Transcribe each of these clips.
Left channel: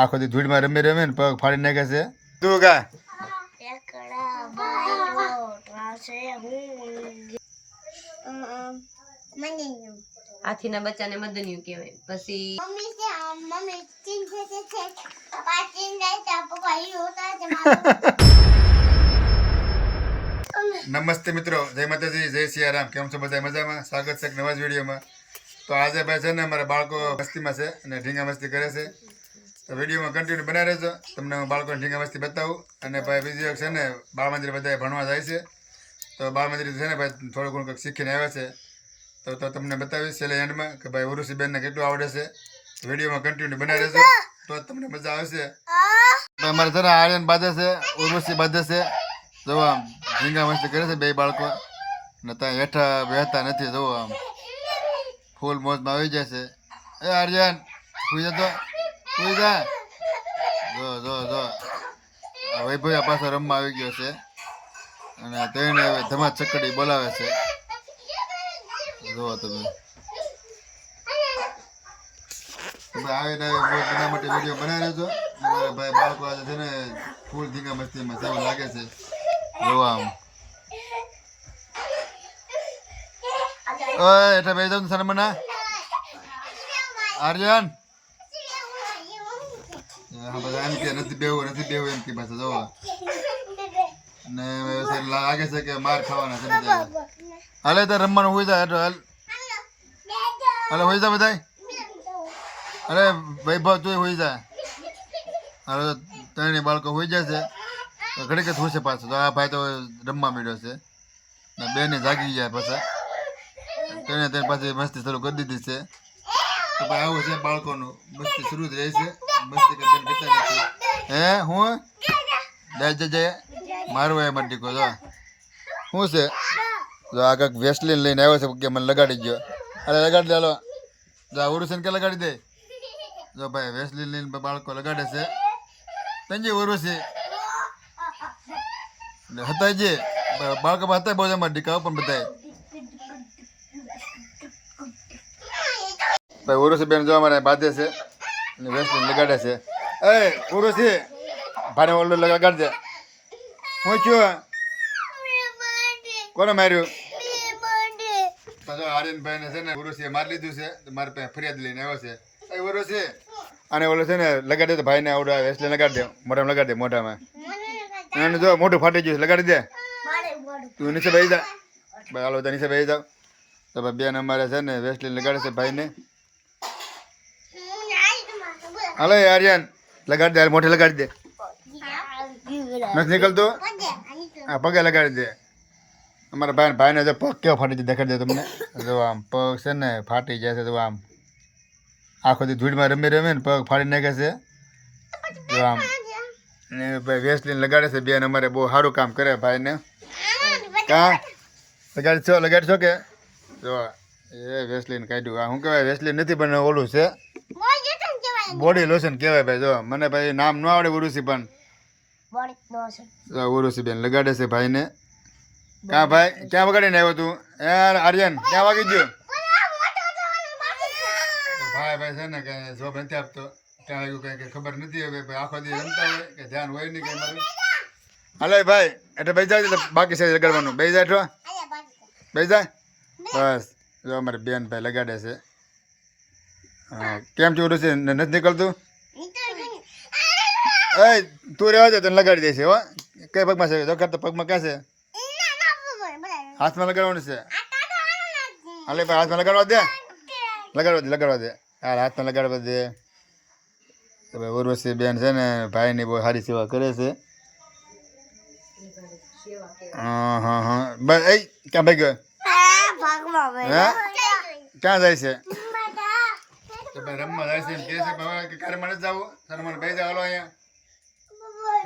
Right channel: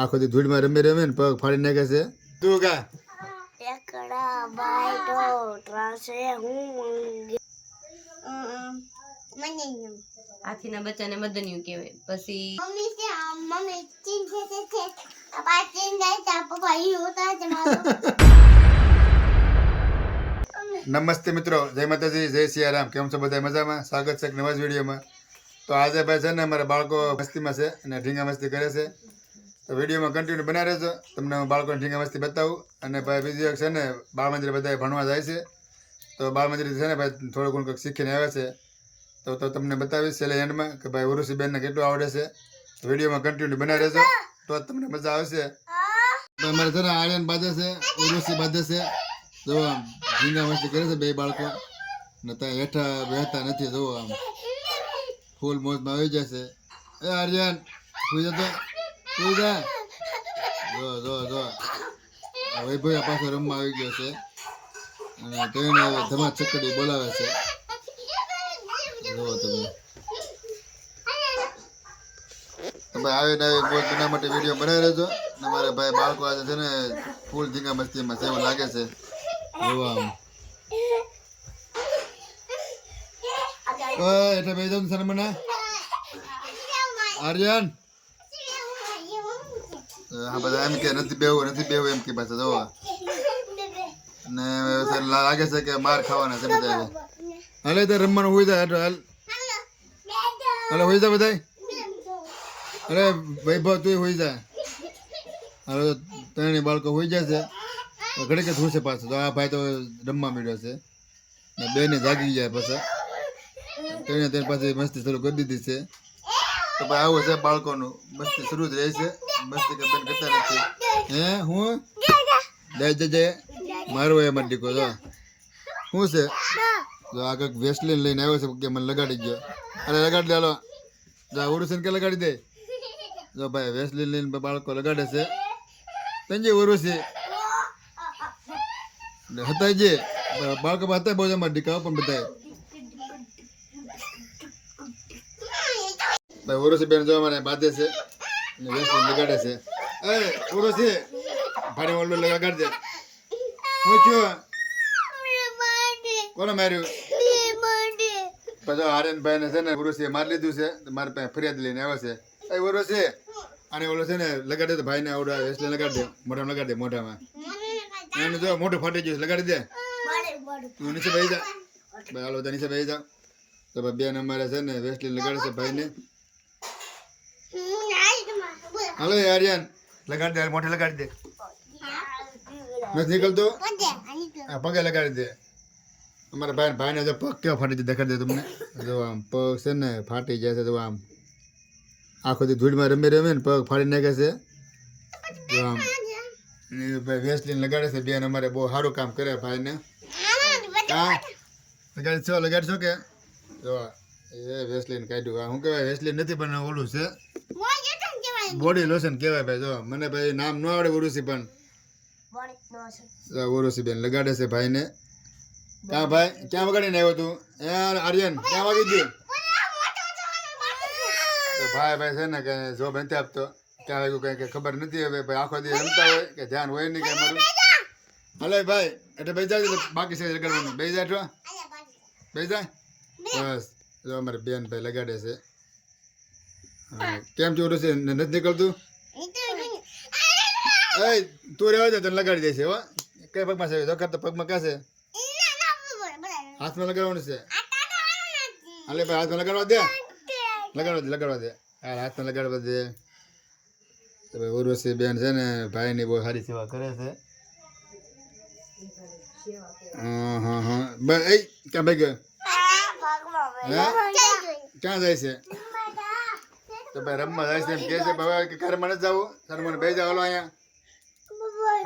આખો દી ધૂળમાં રમે રમે ને પગ ફાડી નાખે છે. તું કા હાથીના બચ્ચાને મદનિયું કહેવાય. પછી નમસ્તે મિત્રો, જય માતાજી, જય સિયારામ. કેમ છો બધા? મજામાં? સ્વાગત છે એક નવા જ વિડીયોમાં. તો આજે ભાઈ છે ને અમારા બાળકો મસ્તીમાં છે અને ઢીંગા મસ્તી કરે છે. તો વિડીયોમાં કન્ટિન્યુ બના રહેજો, તમને હું બાળકોને ઢીંગા મસ્તી બતાવું. અને ભાઈ બીજી એક છે ને બાળ મંદિર બધા ભણવા જાય છે. તો બાળ મંદિર છે ને ભાઈ થોડું ઘણું કંઈક શીખીને આવે છે. તો તમને બતાવીશ છેલ્લે એન્ડમાં કે ભાઈ ઉરુસીબેનને કેટલું આવડે છે. વિડીયોમાં કન્ટિન્યુ બના રહેજો તો તમને મજા આવશે. અમારે છે ને આર્યન બાંધે છે, ઉરુસી બાંધે છે. જો આમ ઢીંગા મસ્તી કરે છે બે બાળકો ને ત્યાં હેઠા બેહતા નથી. જો આમ ફૂલ મોજમાં આવી જાય છે. એ આર્યન સુઈ જતો, સુઈ જા. જો જો જો વૈભવ પાછો રમવા આવી ગયો છે અને તેને હવે ધમા ચકડી બોલાવે છે. જો તમે આવે ને આવે બહુ એના માટે વિડીયો બનાવી રહેજો. ને મારા ભાઈ બાળકો આજે છે ને ફૂલ ઢીંગા મસ્તીમાં છે એવું લાગે છે. જોવા આમ ઓય એટલે બેસી જાવ શર્મના. આર્યન હા બધા એમ કે નથી બેવું એમ કે પાછા જોવા ને લાગે છે કે માર ખાવાના છે બધા. હાલે તો રમવાનું હોઈ જાય હાલ હાલે હોઈ જા બધા. અરે વૈભવ તું હોઈ જા. હાલો ત્રણેય બાળકો હોઈ જાય છે. ઘડીક જ હોશે પાછો. તો આ ભાઈ તો રમવા મળ્યો છે ને બેને જાગી ગયા પાછા. તેને પાછી મસ્તી શરૂ કરી દીધી છે. તો ભાઈ આવું છે બાળકોનું, મસ્તી શરૂ જ રહે છે. મસ્તી કે બેન કરતા નથી. હે હું જય મારું એ મને દીકો જો શું છે. જો આ કંઈક વેસલીન લઈને આવ્યો છે કે મને લગાડી ગયો. અરે લગાડી દે હાલો. જો આ ઉરુસન કે લગાડી દે. જો ભાઈ વેસલીન લઈને બાળકો લગાડે છે. તંજી ઉરુસી હતા જે બાળકો હતા બહુ અમારા દીકરાઓ પણ બધા ભાઈ ઉરુસી બેન જો અમારે બાંધે છે અને વેસલીન લગાડે છે. એ ઉરુસી ભારે ઓલું લગાડ દે. હું છું કોને માર્યું? પછી આર્યનભાઈ ને છે ને ઉરુસીએ મારી લીધું છે. મારી પાસે ફરિયાદ લઈને આવ્યો છે. એ ઉરુસી અને ઓલો છે ને લગાડી દે ભાઈને આવડે વેસલીન લગાડી દે મોઢામાં લગાડી દે મોઢામાં. એને જો મોઢું ફાટી ગયું લગાડી દે. તું નીચે બેસી જા ભાઈ. હાલો બધા નીચે બેસી જાવ. તો ભાઈ બેન અમારે છે ને વેસલીન લગાડે છે ભાઈને. હાલો આર્યન લગાડી દે, મોઢે લગાડી દે. નથી નીકળતું? હા પગે લગાડી દે. અમારા ભાઈને જો પગ કેવો ફાટી જાય દેખાડી દે તમને. જો આમ પગ છે ને ફાટી જાય છે. જો આમ આખો દી ધૂળમાં રમે રમે ને પગ ફાડી નાખે છે. જો આમ ને ભાઈ વેસલીન લગાડે છે બેન અમારે. બહુ સારું કામ કરે ભાઈને. હા લગાડશો કે જો એ વેસલીન કાઢ્યું. આ શું કહેવાય વેસલીન નથી પણ ઓલું છે બોડી લોશન કહેવાય ભાઈ. જો મને ભાઈ નામ ન આવડે ઉરુસી પણ ઉરુસી બેન લગાડે છે ભાઈને. ક્યાં ભાઈ ક્યાં વગાડીને આવ્યો તું? યાર આર્યન ક્યાં વાગી ગયું? તો ભાઈ છે ને કઈ જોબ નથી આપતો. ક્યાં વાગ્યું કઈ કઈ ખબર નથી. હવે ભાઈ આખો દી રમતા હોય કે ધ્યાન હોય નહીં કે અમારું. હાલો ભાઈ એટલે બેસી જાય એટલે બાકી છે લગાડવાનું. બેસી જાય તો બેસી જાય બસ. જો અમારે બેન ભાઈ લગાડે છે. હા કેમ છે ઉરુસી નથી નીકળતું? એ તું રહેવા દે તને લગાડી દે છે. હો કઈ પગમાં છે? તો પગમાં ક્યાં છે? હાથમાં લગાડવાનું છે. હાલે ભાઈ હાથમાં લગાડવા દે. લગાડવા દે યાર હાથમાં લગાડવા દે. તો ભાઈ ઉર્વશી બેન છે ને ભાઈની બહુ સારી સેવા કરે છે. હા હા હા બસ. એ ક્યાં ભાઈ ગયો? હે ક્યાં જાય છે? તો ભાઈ રમવા જાય છે એમ કહે છે. હવે ઘરમાં નથી જવું. શર્માને બે જાવ અહીંયા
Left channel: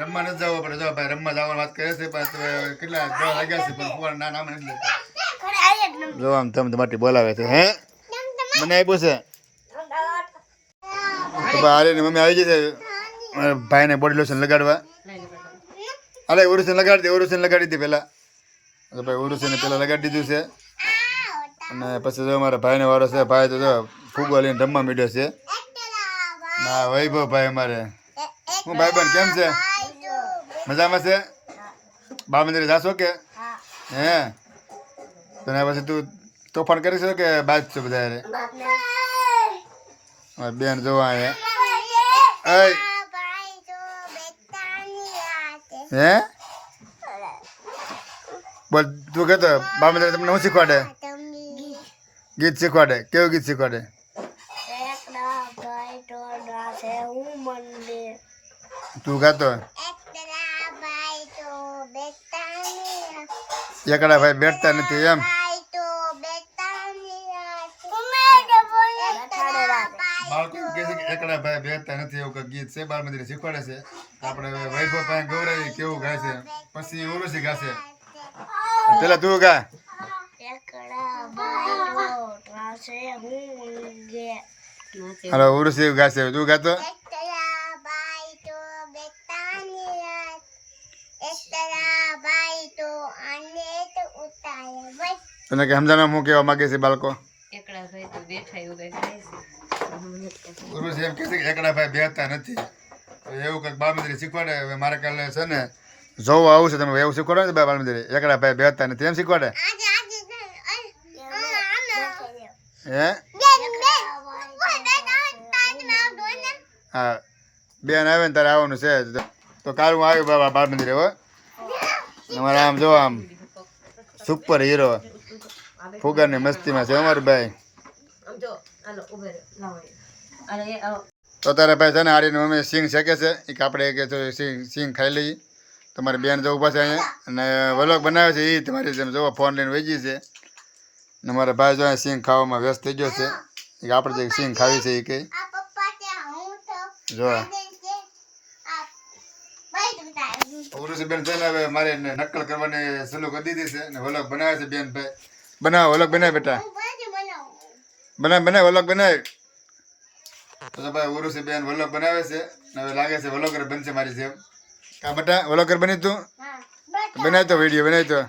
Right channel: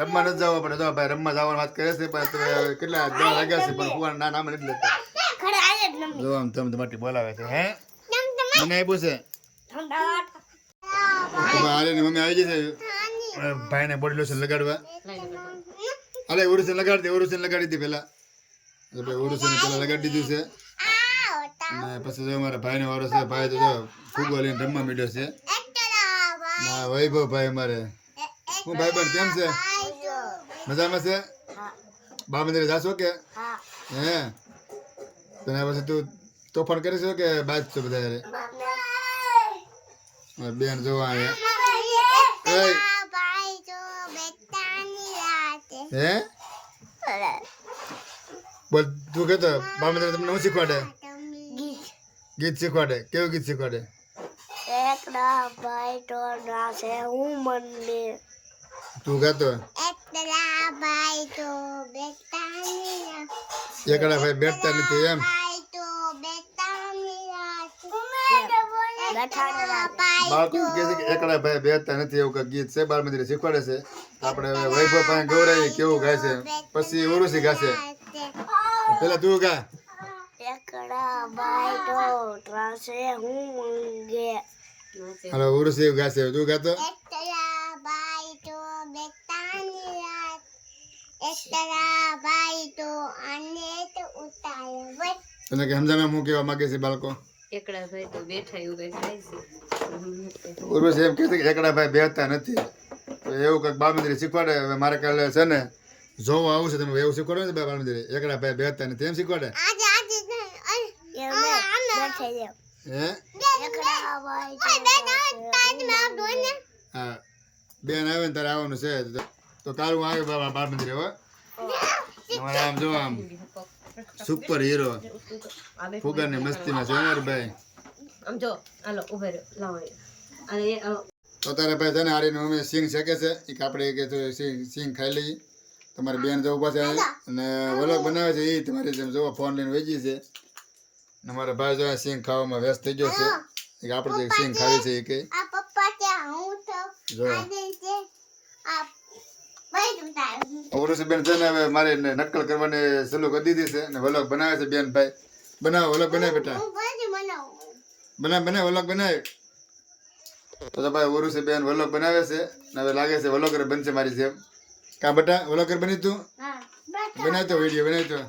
રમવા નથી જવું આપણે. તો ભાઈ રમવા જવાની વાત કરે છે. કેટલા 10 વાગ્યા છે પણ ફુવાના નામ નથી લેતા. જો આમ તમે માટે બોલાવે છે. હે મને આપ્યું છે. આર્યની મમ્મી આવી ગઈ છે ભાઈને બોડી લોશન લગાડવા. અરે ઉરુસન લગાડી દે. ઉરુસન લગાડી દે પેલા. ભાઈ ઉરુસને પેલા લગાડી દીધું છે અને પછી જો અમારા ભાઈને વારો છે. ભાઈ તો ફૂગવા લઈને રમવા માંડ્યો છે. ના વૈભવ ભાઈ અમારે હું ભાઈબંધ કેમ છે મજામાં છે બાળ મંદિરે જાશો કે હે તને પછી તું તોફાન કરીશ કે બાજ છો બધા હારે? બેન જોવા અહીંયા હે બોલ તું કહેતો બાળ મંદિરે તમને શું શીખવાડે? ગીત શીખવાડે. કેવું ગીત શીખવાડે? તું ગાતો એકડા ભાઈ બેઠતા નથી એમ? બાળકો કહે છે કે એકડા ભાઈ બેઠતા નથી એવું કઈ ગીત છે બાળ મંદિરે શીખવાડે છે. આપણે વૈભવ પાસે ગૌરાવી કેવું ગાય છે પછી ઉરુષી ગાશે. પેલા તું ગા. હાલો ઉરુષી ગાશે તું ગાતો. તને કે સમજાવવા હું કેવા માંગે છે બાળકો? એકડા ભાઈ તો બેઠા એવું કઈ થાય છે. ઉર્વશી એમ કહે છે કે એકડા ભાઈ બેહતા નથી તો એવું કંઈક બાળ મંદિરે શીખવાડે. હવે મારે કાલે છે ને જોવા આવું છે તમે એવું શીખવાડો ને બાળ મંદિરે એકડા ભાઈ બેહતા નથી એમ શીખવાડે હે? હા બેન આવે ને તારે આવવાનું છે તો કાલ હું આવ્યું બાબા બાળ મંદિરે હો. અમારે આમ જો આમ સુપર હીરો ફુગાની મસ્તીમાં છે અમારી ભાઈ. આમ જો હાલો ઉભે રહો લાવો અરે એ આવો. તો તારા ભાઈ છે ને હારીને મમ્મી સિંગ શેકે છે એ કે આપણે કે સિંગ ખાઈ લઈએ. તમારી બેન જવું પાસે અહીંયા અને વલોગ બનાવે છે એ તમારી જેમ જોવો ફોન લઈને વેચી છે ને મારા ભાઈ જો સિંગ ખાવામાં વ્યસ્ત થઈ ગયો છે એ કે આપણે જે સિંગ ખાવી છે એ કે જો ઉરુષી બેન છે ને હવે મારે નકલ કરવાની સલું કરી દીધી છે ને વલોગ બનાવે છે બેન ભાઈ. બનાવો વલોગ બનાવે બેટા બનાવ વલોગ બનાવે. તો ભાઈ ઉરુષી બેન વલોગ બનાવે છે ને હવે લાગે છે વલોગર બનશે મારી જેમ. કાં બેટા વલોગર બની તું બનાવી તો વિડીયો બનાવી તો.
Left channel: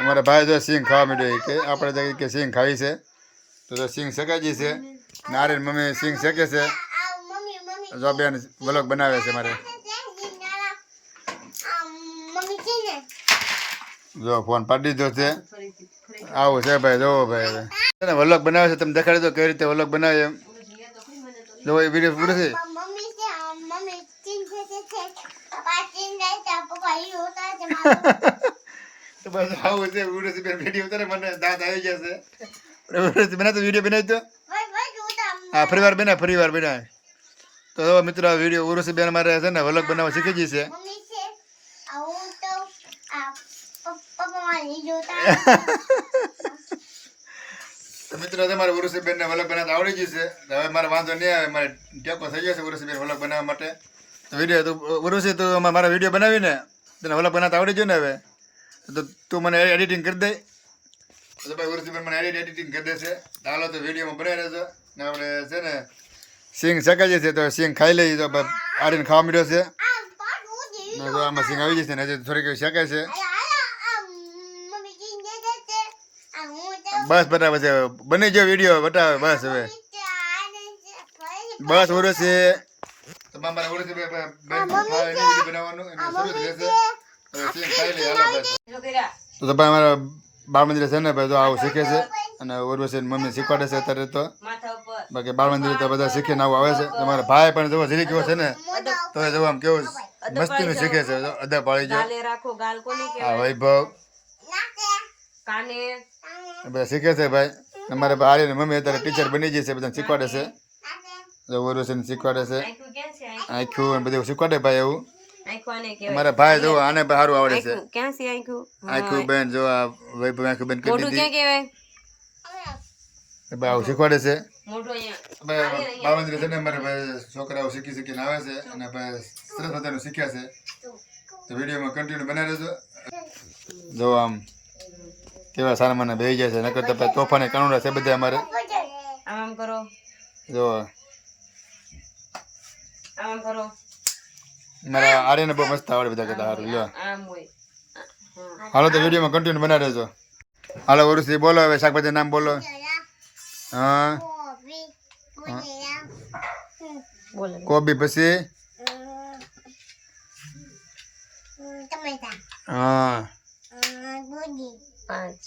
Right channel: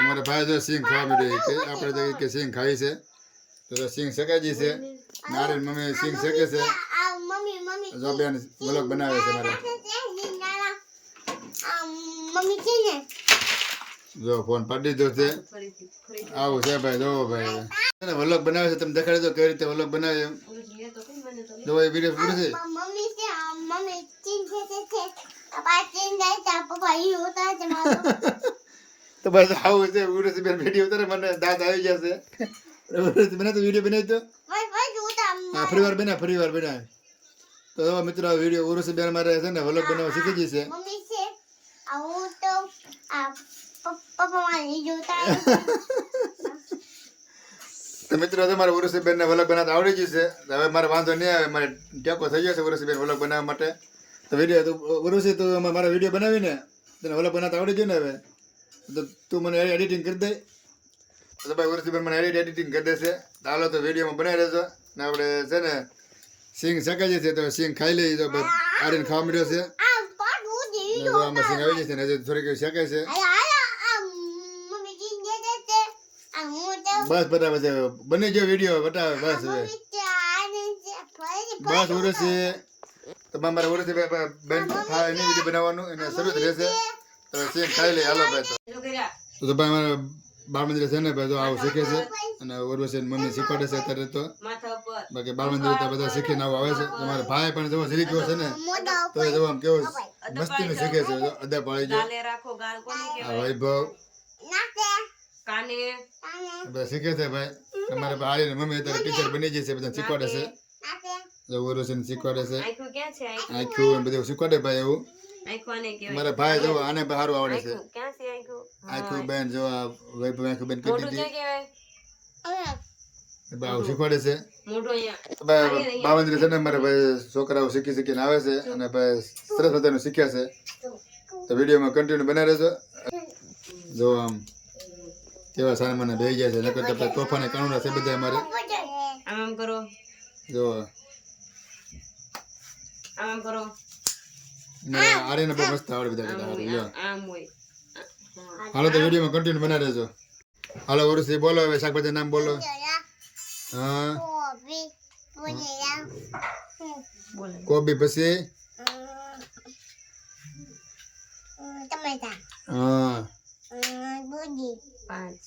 અમારા ભાઈ જો સિંગ ખાવા માંડ્યો કે આપણે કે સિંગ ખાવી છે તો સિંગ શેકાઈ છે નારી મમ્મી સિંગ શેકે છે. જો બેન વલોગ બનાવે છે મારે. જો ફોન પાડી દીધો છે. આવું છે ભાઈ જોવો ભાઈ હવે વલોગ બનાવે છે તમે દેખાડી દો કઈ રીતે વલોગ બનાવે એમ. જો એ વિડીયો પૂરો છે. તો બસ આવું છે ઉરુષી બેન વિડીયો ઉતારે મને દાંત આવી જશે. ઉરુષી બના તો વિડીયો બનાવી તો હા ફરી વાર બનાવે. તો મિત્રો આ વિડીયો ઉરુષી બેન મારે છે ને વલોગ બનાવવા શીખી જશે. તો મિત્રો તમારે ઉરુષી બેન ને વલોગ બનાવતા આવડી જશે. હવે મારે વાંધો નહીં આવે મારે ટેકો થઈ ગયો છે ઉરુષી બેન વલોગ બનાવવા માટે. તો વિડીયો તો ઉરુષી તું મારા વિડીયો બનાવીને તને વલોગ બનાવતા આવડી ગયો ને હવે તો તું મને એડિટિંગ કરી દે. તો ભાઈ ઉરુષી બેન મને એડિટિંગ કરી દેશે. ચાલો તો વિડીયોમાં બનાવી રહેજો ને આપણે છે ને સિંગ શેકાઈ જશે તો સિંગ ખાઈ લઈએ. તો આડીને ખાવા મળ્યો છે ને જો આમાં સિંગ આવી જશે ને હજી થોડીક શેકાય છે. બસ બરાબર છે બની ગયો વિડીયો બતાવે બસ હવે બસ ઉરુષી તો મારે ઉરુષી બેન ખાય એની વિડીયો બનાવવાનું એને શરૂ જ રહેશે. તો સિંગ ખાઈ લઈએ હાલો ભાઈ. તો ભાઈ અમારા બાળ મંદિરે છે ને ભાઈ જો આવું શીખે છે અને ઉર્વશી મમ્મી શીખવાડે છે અત્યારે. તો બાકી બાળ મંદિરે તો બધા શીખીને આવું આવે છે. તમારા ભાઈ પણ જો જરી ગયો છે ને તો જો આમ કેવું મસ્તીનું શીખે છે. અદા પાડી ગયો આ વૈભવ બધા શીખે છે ભાઈ. અમારે આર્યની મમ્મી અત્યારે ટીચર બની ગઈ છે બધા શીખવાડે છે. ઉર્વશીને શીખવાડે છે આખું બધું શીખવાડે ભાઈ એવું. મારા ભાઈ જો આને સારું આવડે છે આખું બેન જો આ વૈભવ આખું બેન કરી દીધી આવું શીખવાડે છે. બાળ મંદિરે છે ને મારે ભાઈ છોકરાઓ શીખીને આવે છે અને ભાઈ સરસ મજાનું શીખ્યા છે. તો વિડીયોમાં કન્ટિન્યુ બનાવી રહેજો. જો આમ કેવા સારા મને બેસી જાય છે નકર તો ભાઈ તોફાને કાનુડા છે બધા અમારે. આમ કરો જો આમ કરો મારા આર્યને બહુ મસ્ત આવડે બધા કરતા સારું લ્યો. આમ હોય હાલો તો વિડીયોમાં કન્ટિન્યુ બનાવી રહેજો. હાલો ઉરુષી બોલો હવે શાકભાજી નામ બોલો. હા બોલો કોબી પછી હા 5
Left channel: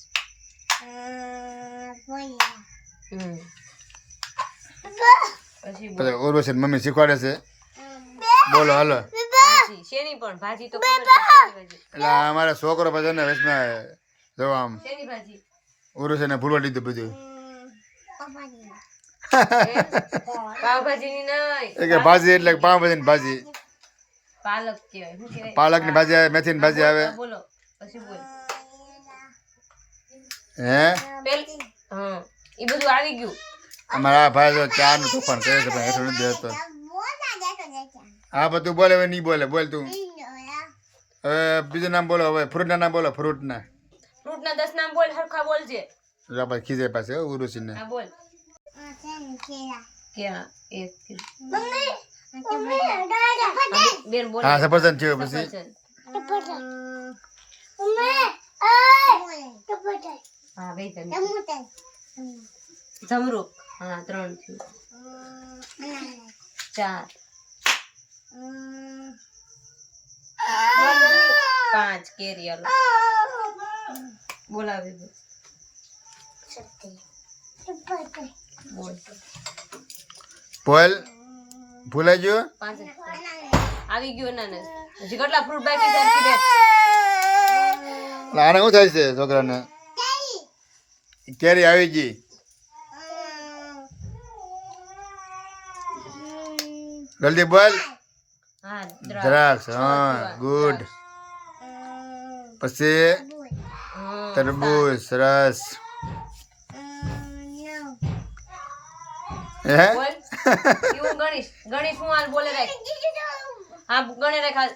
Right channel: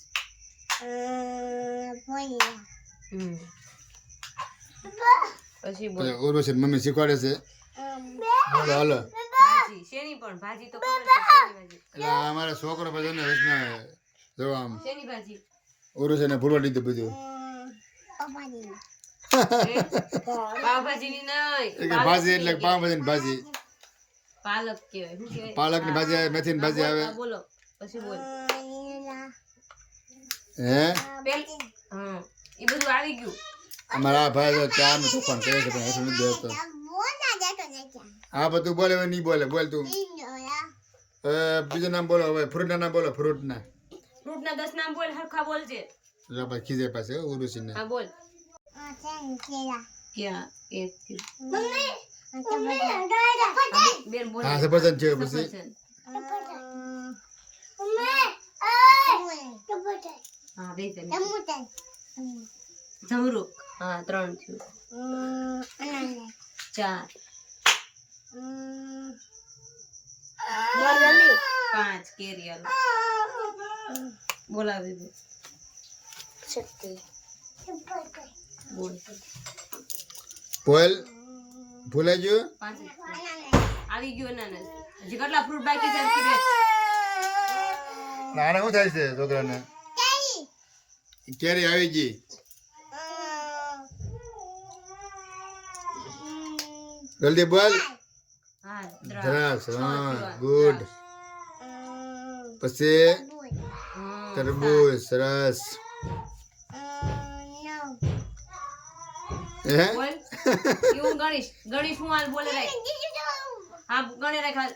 પછી બોલ પછી ઉર્વશી મમ્મી શીખવાડે છે બોલો હાલો ભાજી શેની પણ ભાજી તો ખબર છે શેની ભાજી એટલે આ અમારા છોકરો પછી ને વચમાં જો આમ શેની ભાજી ઉર્વશીને ભૂલવા દીધું બધું પાવભાજીની નહીં એ કે ભાજી એટલે પાવભાજીની ભાજી પાલક કહેવાય શું કહેવાય પાલકની ભાજી આવે મેથીની ભાજી આવે હા, બોલો પછી બોલ હે એ બધું આવી ગયું અમારા આ ભાઈ તો ચાનું તોફાન કરે છે પણ હેઠું નથી દેતો હા પણ તું બોલે હવે નહીં બોલે બોલ તું હવે બીજું નામ બોલો હવે ફ્રૂટના નામ બોલો ફ્રૂટના ફ્રૂટના 10 નામ બોલ હરખા બોલજે પછી ખીજે પાસે ઉર્વશીને હા બોલ ક્યાં એક બેન બોલ હા સફરજન છે પછી હા બે જમરૂક હા 3 થયું 4 5 કેરી આલો બોલાવી દો બોલ બોલ ભૂલાઈ ગયું 5 આવી ગયું ને હજી કેટલા ફ્રૂટ બાકી છે હરખી બેન આને શું થાય છે છોકરાને કેરી આવી ગઈ જલ્દી બોલ હા દ્રાક્ષ હા ગુડ પછી તરબૂચ સરસ હે બોલ હું ગણીશ હું હાલ બોલે રાખ હા ગણે રાખ હાલ.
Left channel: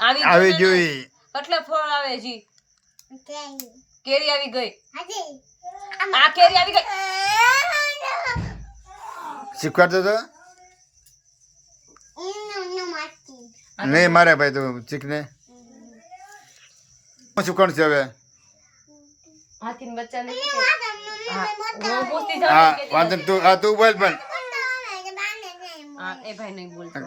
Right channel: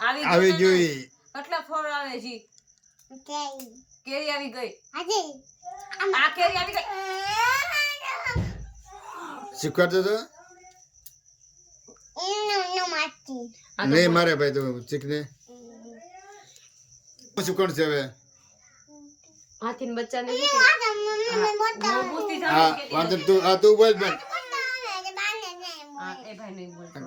આવી ગયું ને? જોઈ કેટલા ફળ આવે જી કેરી આવી ગઈ આ કેરી આવી ગઈ શીખવાડતો તો આ તો નહીં મારે ભાઈ તું શીખને શું કોણ છે હવે હાથીના બચ્ચાને શું કે હું પૂછતી હા જાઉં કે વાંધો નહીં, તું હા તું બોલ પણ હા એ ભાઈ નહીં બોલતો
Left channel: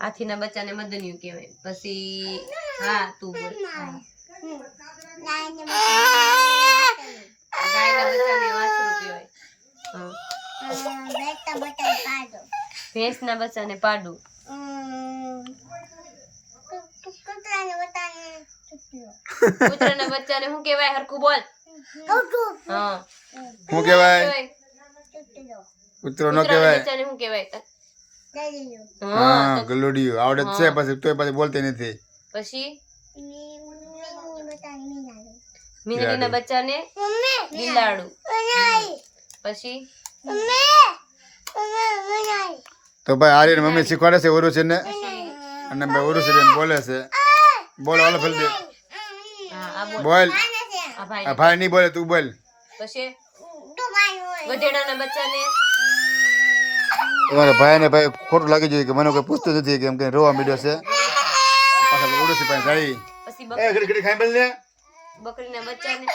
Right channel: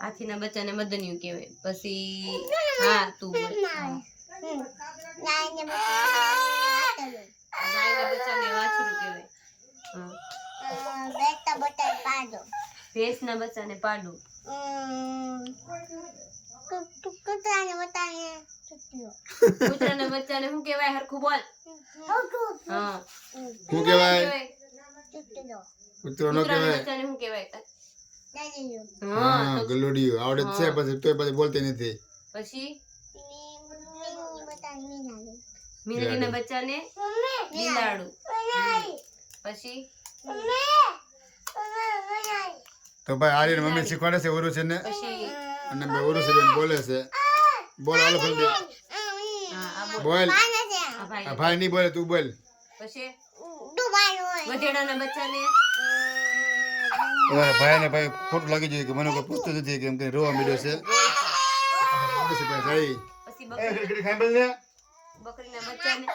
હાથીના બચ્ચાને મદનિયું કહેવાય પછી હા તું બોલ હા. ગાયના બચ્ચાને વાછરું કહેવાય હા. ભેંસના બચ્ચાને પાડું કૂતરાના બચ્ચાને શું કહેવાય હરખું બોલ હા શું કહેવાય કૂતરો ન કૂતરાના કહેવાય બચ્ચાને શું કહેવાય હા ગલુડિયું આવડે જ છે પછી તોય પછી બોલતી નથી પછી મીંદડીના બચ્ચાને બિલાડું પછી તો ભાઈ આર્યન મમ્મી શીખવાડે છે ઉર્વશીને પછી અને ભાઈ ઉર્વશીબેન બોલે છે બોલ હાલો જલ્દી હા આ બોલ બોલ આ આ ભાઈ ભાઈ નહીં બોલે તું બોલ પછી ગધેડાના બચ્ચાને તમારા ભાઈને ભાઈ ખોટું લાગી જોઈએ કે મને કોઈ પૂછતું નથી કે એમ કઈ રોવા મીડ્યો છે પાછા ઉર્વશી પાસે જાય પછી એ ઘડી ઘડી ખાઈ બોલ ને બકરીના બચ્ચાને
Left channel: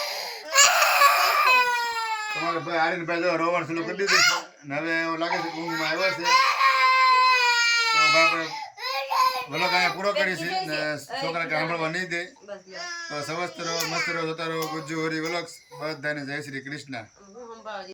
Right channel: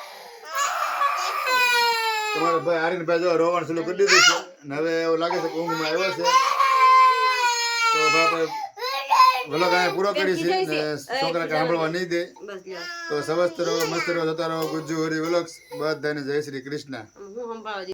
તમારો ભાઈ આર્યન ભાઈ જો રોવાનું ચાલુ કરી દીધું છે અને હવે એવું લાગે છે કે ઊંઘમાં આવ્યો છે તો ભાઈ આપણે વ્લોગ અહીંયા પૂરો કરી છે ને છોકરા કે સાંભળવા નહીં દે બસ લ્યો તો સવસ્ત રહો મસ્ત રહો જોતા રહો ગુજ્જુ હોરી વ્લોગ્સ બધાને જય શ્રી કૃષ્ણ હું સંભાળવા